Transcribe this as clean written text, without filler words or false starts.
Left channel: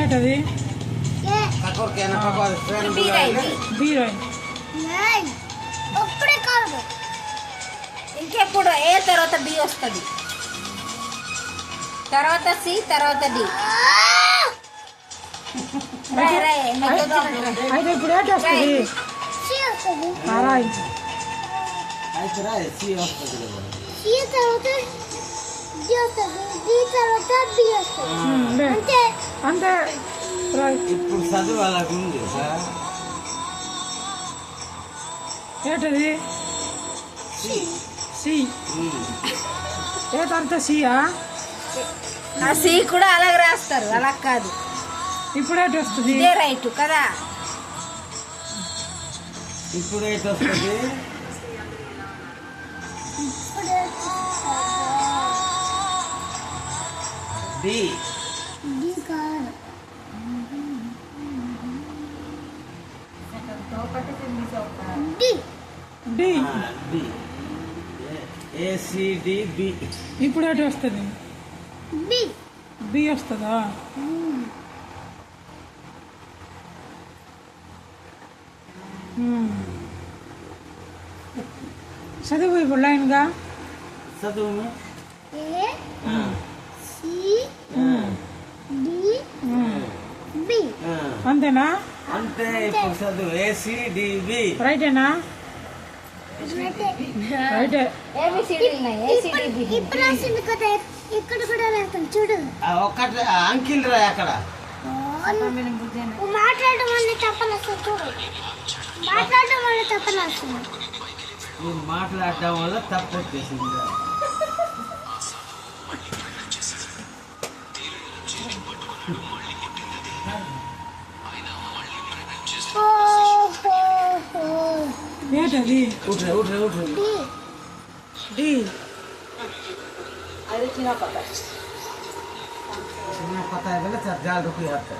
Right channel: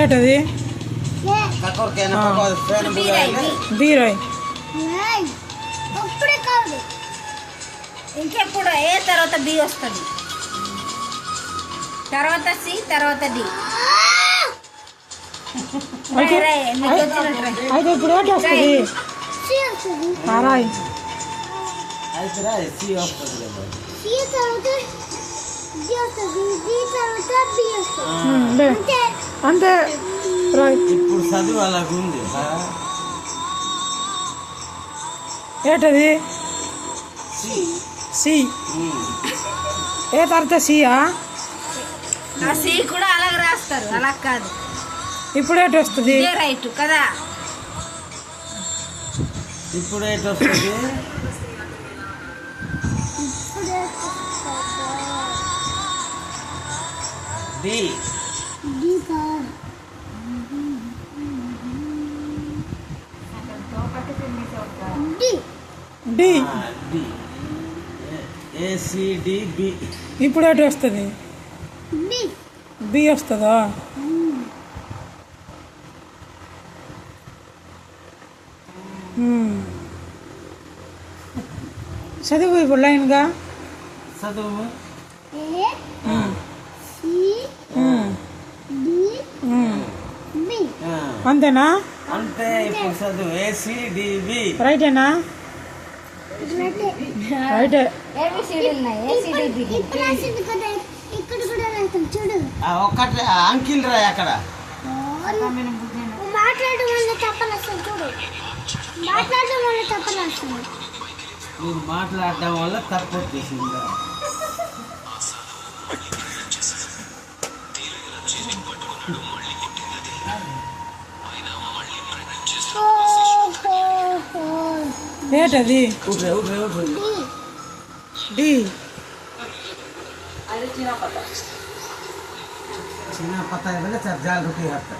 ఏటది బీరాయ్ ఇంకెప్పుడు ఏ తర్వాత డి వస్తుంది, తర్వాత సి, తర్వాత డి. అయితే ఇప్పుడు ఏంటి వస్తుంది? అంతే ఇప్పుడు చదువు అలాగే ఉంది. ఏటది సి. ఏ తర్వాత సియా? సి కూడా అలాగే రాస్తారు, అలా కాదు. ఇప్పుడు ఏంటి వస్తుంది? రైట్ కదా. ఇప్పుడు ఏంటి వస్తుంది? డి. డి. ఏసిడిబి. ఇప్పుడు ఏంటి వస్తుంది? బి వస్తుందా? చదువు ఇప్పుడు లైన్గా చదువు. అంతేనా? అంటే ఇప్పుడు చదువు ఏసిడిబి. రైటేనా? రైటే. ఒక్కటి అంకిల్ రా అక్కడ మాట్లాడడం వల్ల తప్పలు చూడు, మాట్లాడడం వల్ల తప్పలు వస్తుంది. మీరు మాట్లాడటం వల్ల తప్పు వచ్చేసిందా? ఏటది? డి. చిన్న పता है चार रुपये हफ्ता